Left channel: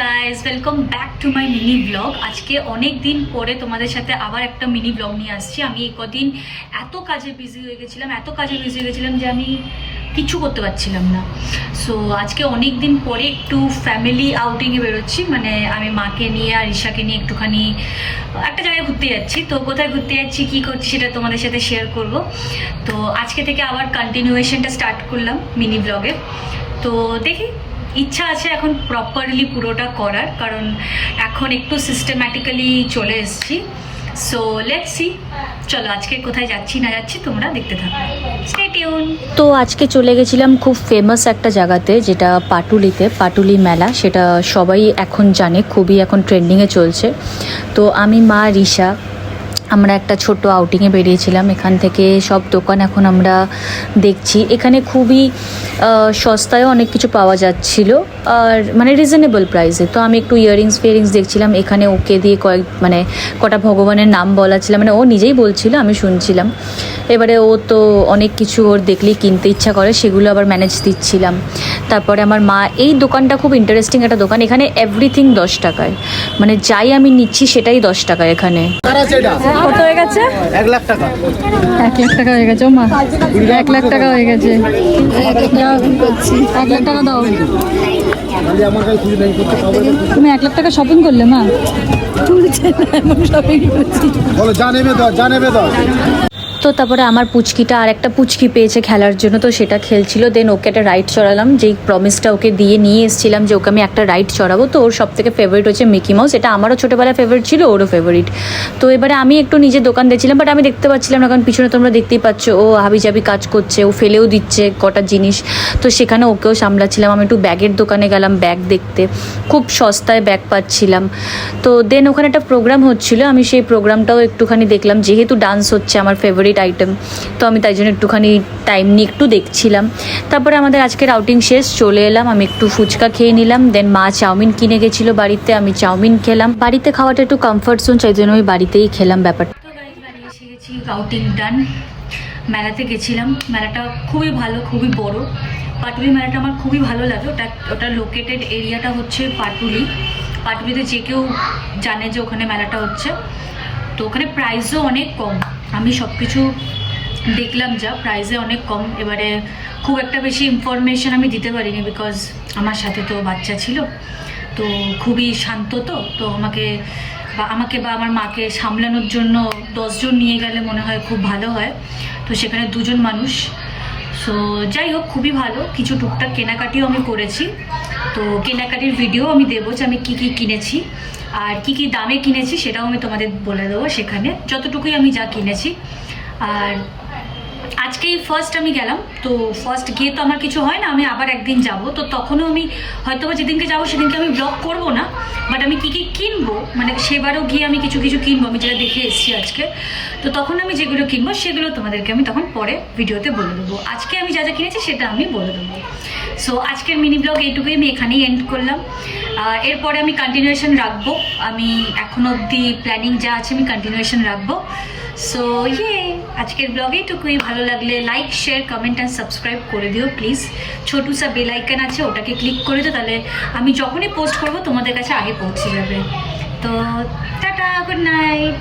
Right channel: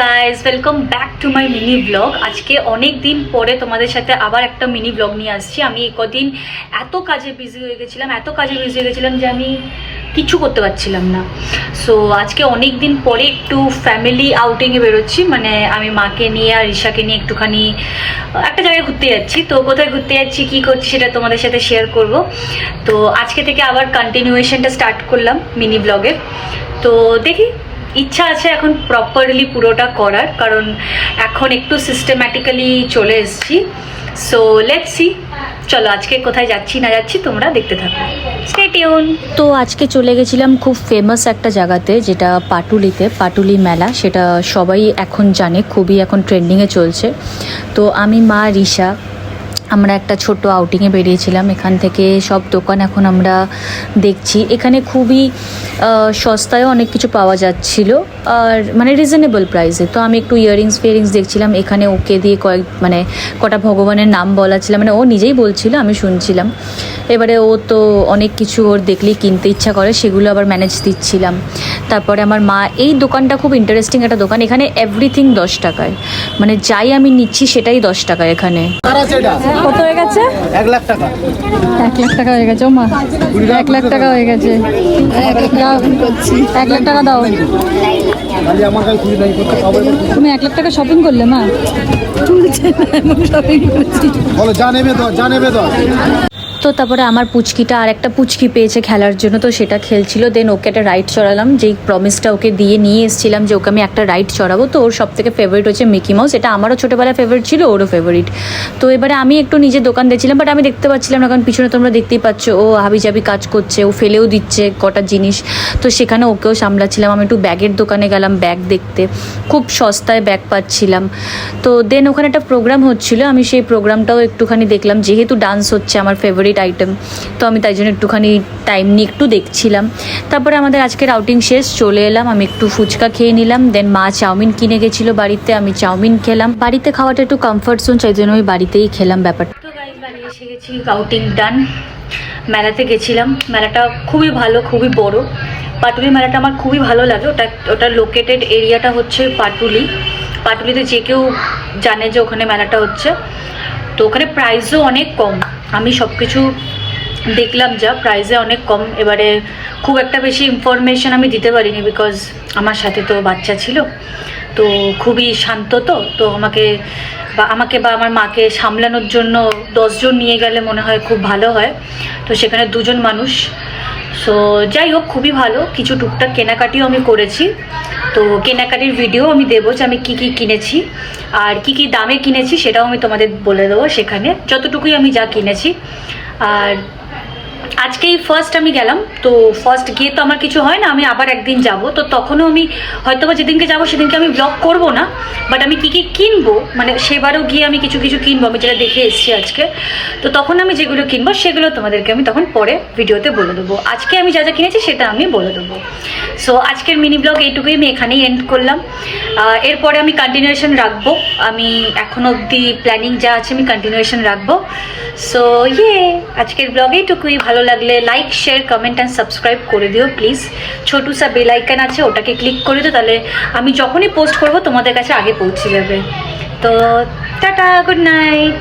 Guys, welcome back to my mini blog. আজকে অনেক দিন পরে তোমাদের সাথে আবার একটা মিনি ব্লগ নিয়ে আসছি। আমি কদিন এত কাজে বিজি হয়ে গেছিলাম যে আমি কিচ্ছু করতে পারছিলাম না। সো আজকে অনেক দিন পরে একটু ফ্যামিলি আউটিংয়ে বেরোচ্ছি, মানে আমি মাকে নিয়ে আর ঈশাকে নিয়ে একটুখানি একটা জায়গায় ঘুরতে যাচ্ছি। তো কোথায় ঘুরতে যাচ্ছি, কী করছি, সেটা তোমাদের সাথে শেয়ার করব। তো আজকে থেকে আবার কন্টিনিউয়েশনটা স্টার্ট করলাম মিনি ব্লগের। তো দেখি, ইচ্ছা আছে এখন প্রপারলি পুরোটা করার, কারণ এখন একটু সিস্টেম্যাটিক্যালি চলে এসেছি। সো লেটস সি, চলো আজকে কোথায় যাচ্ছি না যাচ্ছি তোমরা দেখতে থাকো, স্টে টিউন। তো আজকে চলে গেছিলাম খুব ফেমাস একটা জায়গাতে, যেটা পাটুলি মেলা। সেটা সবাই এখন জানে, খুবই এখন ট্রেন্ডিংয়ে চলছে। তো আমি, মা, রিশা, আমরা একটা ছোট আউটিংয়ে বেরিয়েছিলাম। এখান থেকে সব দোকান এখন আমরা দেখছি। এখানে খুবই সস্তায়ও অনেক কিছু পাওয়া যাচ্ছিল, আর মানে রিজনেবল প্রাইসে। তো আমি একটু ইয়াররিংস দেখছিলাম। এখানে ওকে দিয়ে কটা ভগবানের নাম বলা ছিল, মানে ও নিজেই বলছিল, আমি শুনছিলাম। এবারে ও তো অনেক কিছু ওর দেখলেই কিনতে ইচ্ছা করে, সেগুলো আবার ম্যানেজ দিচ্ছিলাম। তারপরে আমার মা, এই দোকানটা খুব ইন্টারেস্টিং একটা দোকান। এখানে এভরিথিং 10 টাকায়, মানে যাই আমি নিচ্ছি সেটাই 10 টাকায় এখানে। কত হয়ে গেছে? 1 লাখ টাকা। 1 লাখ টাকা হয়ে গেছে। ও মা, 1 লাখ টাকা হয়ে গেছে। 1 লাখ টাকা দাও। তুমি 1 লাখ টাকা শপিং করলে মা? শপিং করেছি। বলো জানেবে দাও। তো তারপরে আমার পুচকিটা আর একটা পুচকি পেয়েছে খেলার জন্য, তো সেটা খেলছিল। দেন ওকে একটা রাইড চড়ালাম, যেই প্রমিসটা ওকে দিয়ে নিয়ে এসেছিলাম যে ওকে আমি একটা রাইড চড়াবো। তো ওর সব থেকে ফেভারিট হচ্ছে মিকি মাউস। এটা আমারও ছোটোবেলায় ফেভারিট ছিল, ওরও ফেভারিট। তো এবারে আমি একটু নিজের দোকান দেখছিলাম, বাট আমি দেখতে পাচ্ছিলাম না, কারণ পিছনে তোমরা দেখতেই পাচ্ছ ও হাবিজাবি কাজ করছে, ও ফেলেও দিচ্ছে কটা জিনিস। তো সেখানে ওকেও সামলাচ্ছিলাম। আমি একটু ব্যাগের দোকানে গেলাম ব্যাগ দেখতে, খুব সস্তায় ব্যাগ পাচ্ছিলাম। তো দেন ওখানে একটা প্রোগ্রাম হচ্ছিলো, আমি সেই প্রোগ্রামটাও একটুখানি দেখলাম। যেহেতু ডান্স হচ্ছে আমার ফেভারিট আইটেম, তো আমি তাই জন্য একটুখানি টাইম নিয়ে একটু দেখছিলাম। তারপরে আমাদের আজকের আউটিং শেষ, চলে এলাম। আমি একটু ফুচকা খেয়ে নিলাম। দেন মা চাউমিন কিনে গেছিলো বাড়িতে, আমি চাউমিন খেলাম। বাড়িতে খাওয়াটা একটু কমফর্ট জোন, চাই জন্য আমি বাড়িতেই খেলাম ব্যাপারটা। তো গাইস, বাড়ি এসে গেছি, আউটিং ডান। মেলাতে গেছিলাম, মেলাটা খুবই ভালো, খুবই বড়। পাটুলি মেলাটা আমার খুবই ভালো লাগে। ওটা লোকেটেড এরিয়াটা হচ্ছে পাটুলিতে। যে কেউ জানে যে ওখানে মেলাটা হচ্ছে। তো ওখানে প্রাইসও অনেক কম। আমি সব কিছু দেখলাম, যা প্রাইসে অনেক কম। এবারে খুব একটা বেশি ইনফরমেশন আমি দিতে পারিনি, বিকজ আমার সাথে তো বাচ্চা ছিল, তো খুবই শান্ত। তো আমাকে বা আমার মাকে সামলানোর জন্য 10 জন নিয়ে গেলে মনে হয় খুব ভালো হয়। তো সেখানে 2 জন মানুষ। সো যাই হোক, খুবই ভালো। কিছু টুকটাক কেনাকাটিও আমি করেছি। তো কেনাকাটির ভিডিও আমি দেবো যে আমি কী কী কিনেছি আর কি কি দামে কিনেছি, সেটাও আমি তোমাদের বলে দেবো সেখানে, যতটুকুই আমি যা কিনেছি। আর আজকেই ফার্স্ট আমি গেলাম। তো ফার্স্ট গিয়ে তো আমার কিছু হয় না, আমি আবার একদিন যাব। তো তখনও আমি হয়তো বা যেদিনকে যাবো সেদিনকে আমি ব্লগ করব না, বাট আমি কী কী কিনবো, মানে সেবারও গিয়ে আমি কিছু কিছু কিনবো, আমি যেটা দেখে এসেছি আজকে। তো তখন আমি যেগুলো কিনবো সেগুলো তোমাদেরকে আমি তখন পরে ভিডিওতে বলে দেবো। আজকে আমি যা যা কিনেছি সেটা আমি বলে দেবো। সো আজকের মিনি ব্লগ এইটুকুই, আমি এখানেই এন্ড করলাম। এরপরে আমি কন্টিনিউয়েশন রাখবো। আমি এখন অবধি প্ল্যানিং যা আছে আমি কন্টিনিউয়েশন রাখবো। সো আজকের ব্লগ এইটুকুই। ভালো লাগলে like, share, comment and subscribe করে দিও প্লিজ। ছোটু সা বেল আইকন আছে, ওটাকে ক্লিক করে দিও, তাহলে আমি যখনই পোস্ট করবো তোমাদের কাছে আগে পৌঁছে যাবে। তো টাটা, গুড নাইট।